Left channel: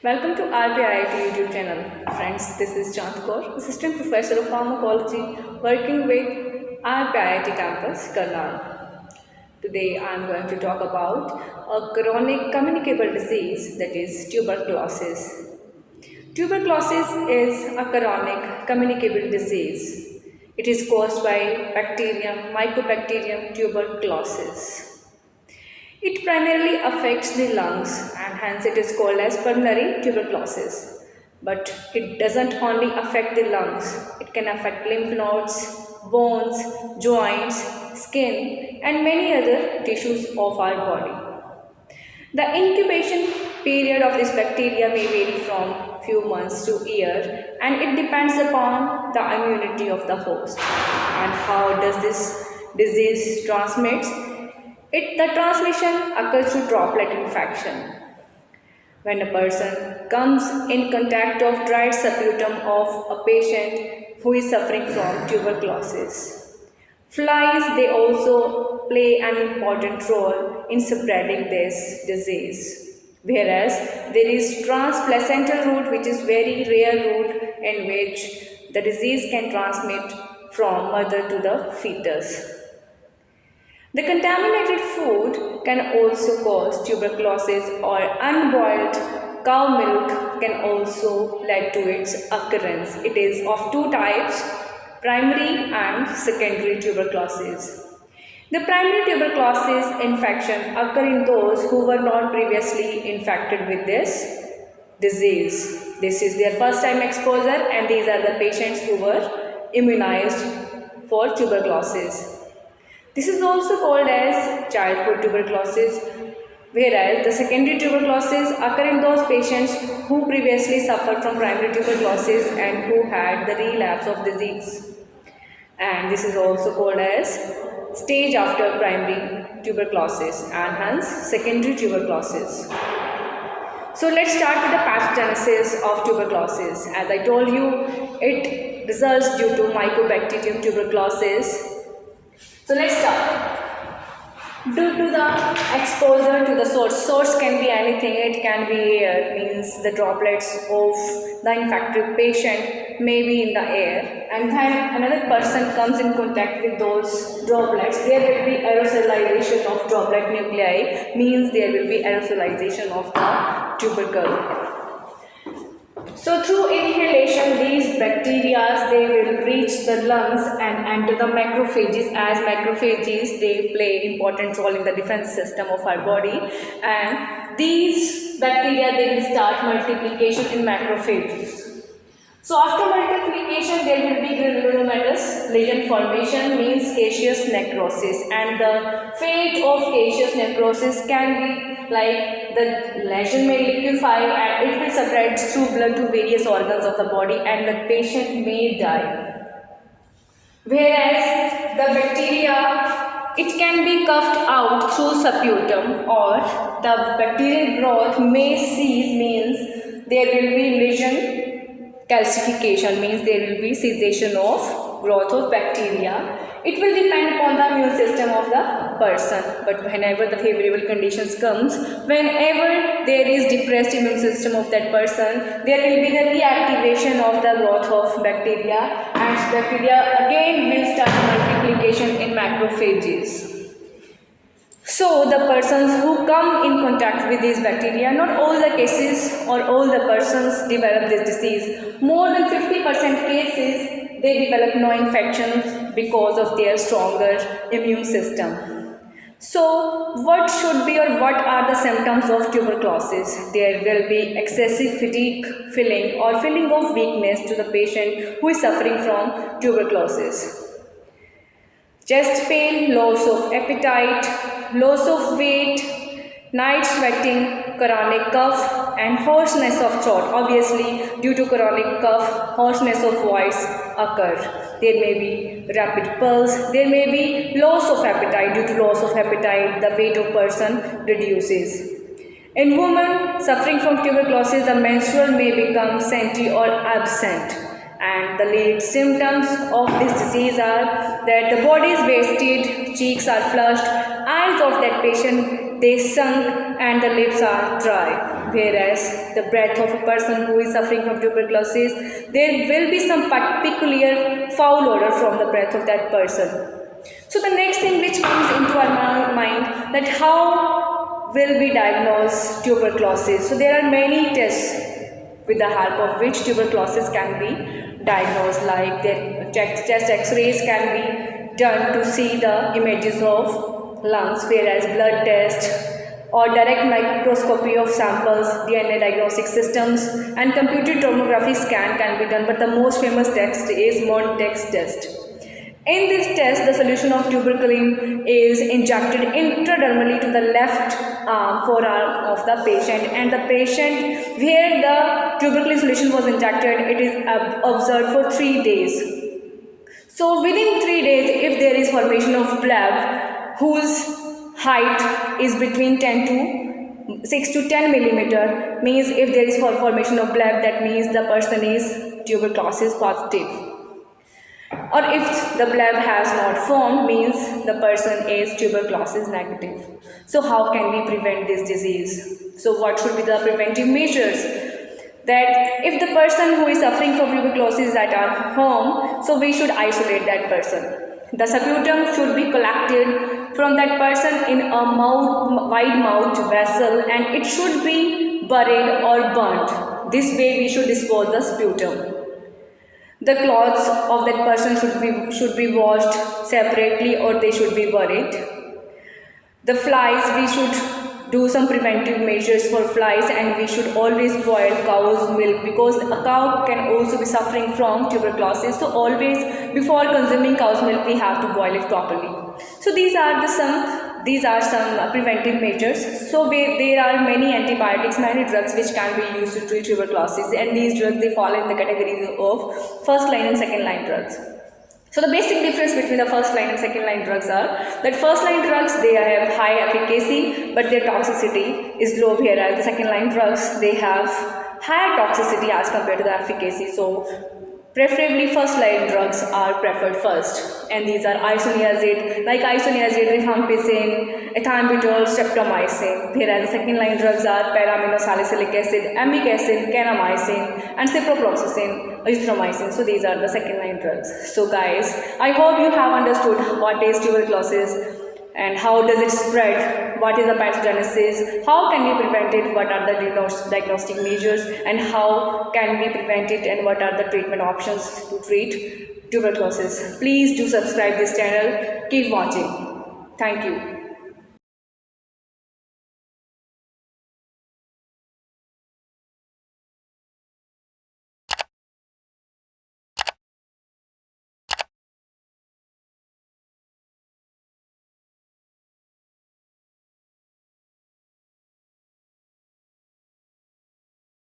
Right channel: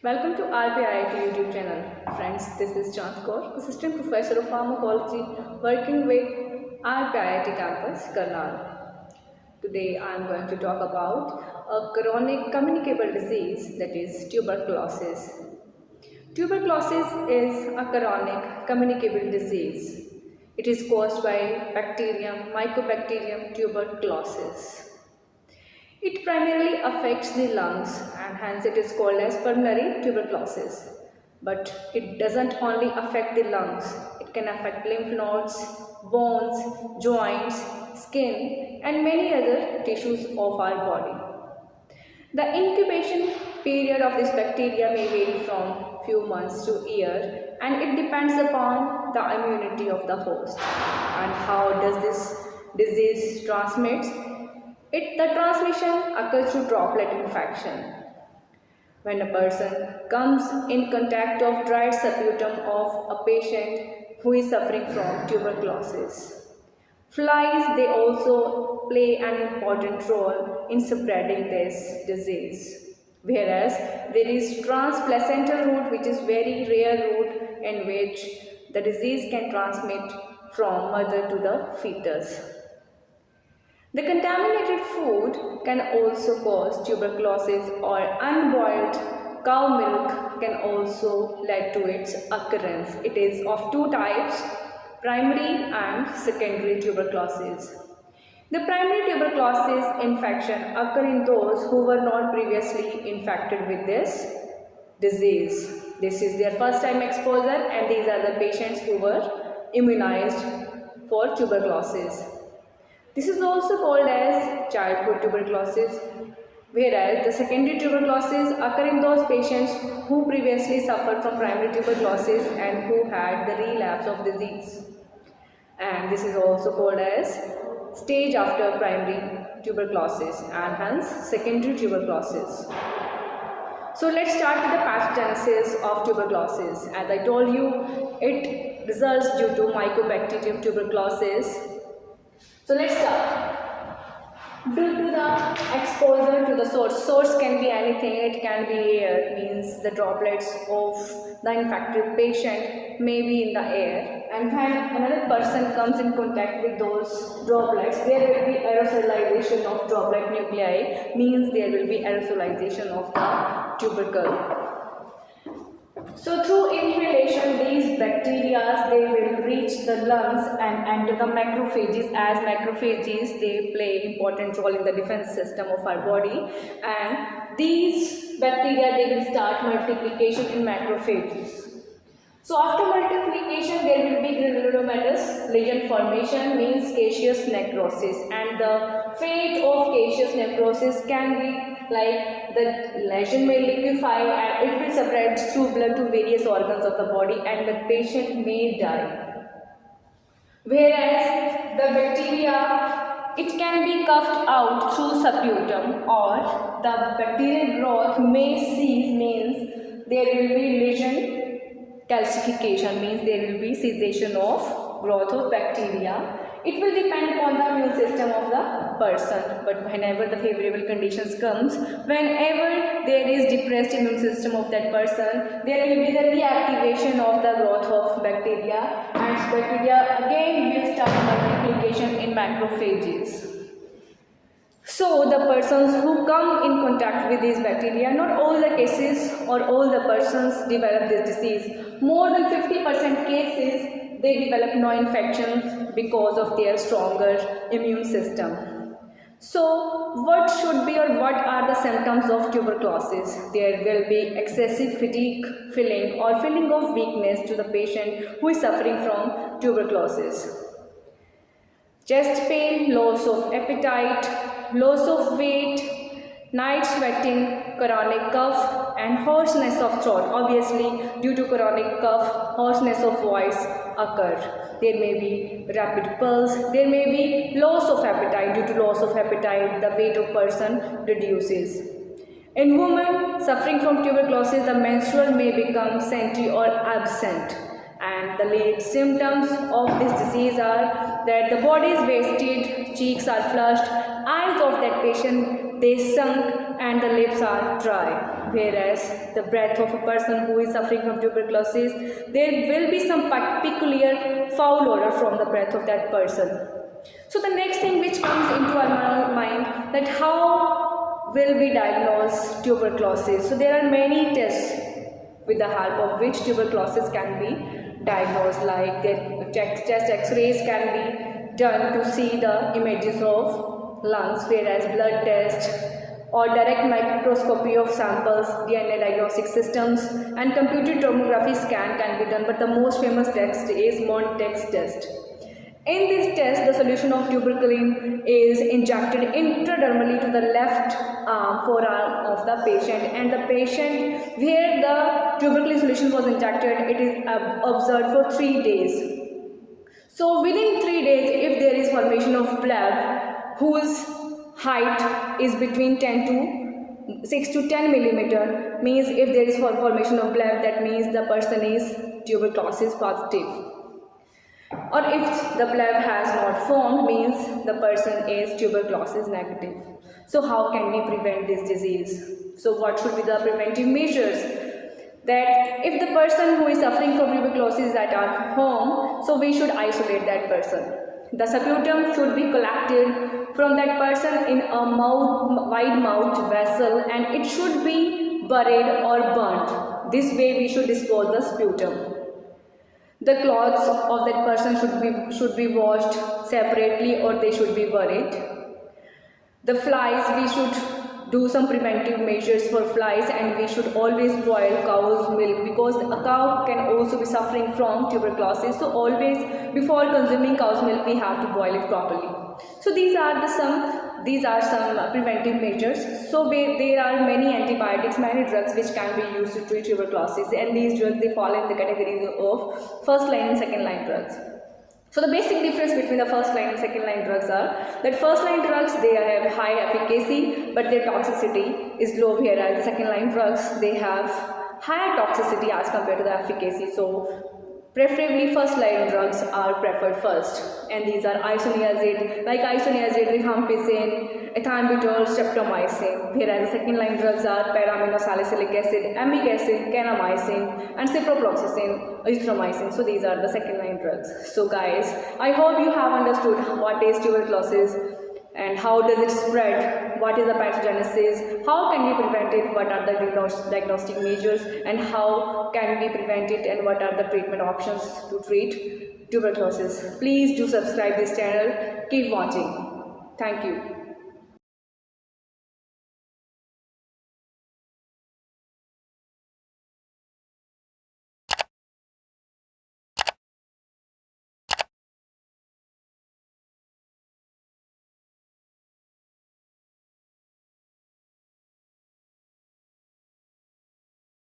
Welcome to RPIIT YouTube channel. Friends, this is Kaur, Assistant Professor of Pharmacology working with RPIIT campus, Karnal. Today I am going to talk about a chronic communicable disease, that is tuberculosis. Tuberculosis is a chronic communicable disease. It is caused by bacterium, Mycobacterium tuberculosis. It primarily affects the lungs and hence it is called as pulmonary tuberculosis. But it doesn't only affect the lungs, it can affect lymph nodes, bones, joints, skin and many other tissues of our body. The incubation period of this bacteria may vary from few months to year and it depends upon the immunity of the host. And how does this disease transmit? The transmission occurs through droplet infection. When a person comes in contact of dried sputum of a patient who is suffering from tuberculosis. Flies, they also play an important role in spreading this disease. Whereas there is transplacental route, which is very rare route in which the disease can transmit from mother to the fetus. The contaminated food can also cause tuberculosis, or unboiled cow milk can also lead to its occurrence. It is of two types, primary and secondary tuberculosis. The primary tuberculosis infection occur in those who were not previously infected with this disease. This is their first time exposure and these are the patients who were immunized for tuberculosis. This is also called as childhood tuberculosis, whereas the secondary tuberculosis occur in those patients who previously suffered from primary tuberculosis and who had the relapse of disease. And this is also called as stage after primary tuberculosis and hence secondary tuberculosis. So let's start with the pathogenesis of tuberculosis. As I told you, it results due to Mycobacterium tuberculosis. So let's start. Due to the exposure to the source can be anything, it can be air, means the droplets of the infected patient may be in the air, and when another person comes in contact with those droplets, there will be aerosolization of droplet nuclei, means there will be aerosolization of the tubercle. So through inhalation, these bacteria, they will reach the lungs and enter the macrophages. As macrophages, they play important role in the defense system of our body, and these bacteria, they will start multiplication in macrophages. So after multiplication, there will be granulomatous lesion formation, means caseous necrosis, and the fate of caseous necrosis can be like the lesion may liquefy and it will spread through blood to various organs of the body and the patient may die. Whereas the bacteria, it can be coughed out through sputum, or the bacterial growth may cease, means there will be lesion calcification, means there will be cessation of growth of bacteria. It will depend upon the immune system of the person, but whenever the favorable conditions comes, whenever there is depressed immune system of that person, there will be the reactivation of the growth of bacteria and bacteria again will start multiplication in macrophages. So the persons who come in contact with these bacteria, not all the cases or all the persons develop this disease. More than 50% cases, they develop no infections because of their stronger immune system. So what should be or what are the symptoms of tuberculosis? There will be excessive fatigue, feeling or feeling of weakness to the patient who is suffering from tuberculosis. Chest pain, loss of appetite, loss of weight, night sweating, chronic cough and hoarseness of throat. Obviously, due to chronic cough, hoarseness of voice occur. There may be rapid pulse, there may be loss of appetite. Due to loss of appetite, the weight of person reduces. In women suffering from tuberculosis, the menstrual may become scanty or absent. And the lead symptoms of this disease are that the body is wasted, cheeks are flushed, eyes of that patient they sunk, and the lips are dry. Whereas the breath of a person who is suffering from tuberculosis, there will be some peculiar foul odor from the breath of that person. So the next thing which comes into our mind, that how will we diagnose tuberculosis? So there are many tests with the help of which tuberculosis can be diagnosed, like the chest x-rays can be done to see the images of lungs, whereas blood test or direct microscopy of samples, DNA diagnostic systems, and computed tomography scan can be done, but the most famous test is Montex test. In this test, the solution of tuberculin is injected intradermally to the left forearm of the patient, and the patient where the tuberculin solution was injected, it is observed for 3 days. So within 3 days, if there is formation of bleb whose height is between 6 to 10 millimeter, means if there is formation of bleb, that means the person is tuberculosis positive. Or if the bleb has not formed, means the person is tuberculosis negative. So how can we prevent this disease? So what should be the preventive measures? That if the person who is suffering from tuberculosis is at our home, so we should isolate that person. The sputum should be collected from that person in a wide mouthed vessel, and it should be buried or burnt. This way we should dispose the sputum. The clothes of that person should be washed separately, or they should be buried. The flies, we should do some preventive measures for flies, and we should always boil cow's milk, because a cow can also be suffering from tuberculosis. So always before consuming cow's milk, we have to boil it properly. So these are some preventive measures. So there are many antibiotics, many drugs which can be used to treat tuberculosis, and these drugs, they fall in the categories of first line and second line drugs. So the basic difference between the first line and second line drugs are that first line drugs, they have high efficacy but their toxicity is low, whereas the second line drugs, they have higher toxicity as compared to the efficacy. So preferably first line drugs are preferred first, and these are isoniazid, like isoniazid, rifampicin, ethambutol, streptomycin, whereas the second line drugs are para-aminosalicylic acid, amic acid, kanamycin, and ciprofloxacin, azithromycin. So these are the second line drugs. So guys, I hope you have understood what is tuberculosis and how does it spread, what is the pathogenesis, how can we prevent it, what are the diagnostic measures, and how can we prevent it, and what are the treatment options to treat tuberculosis. Please do subscribe this channel. Keep watching. Thank you.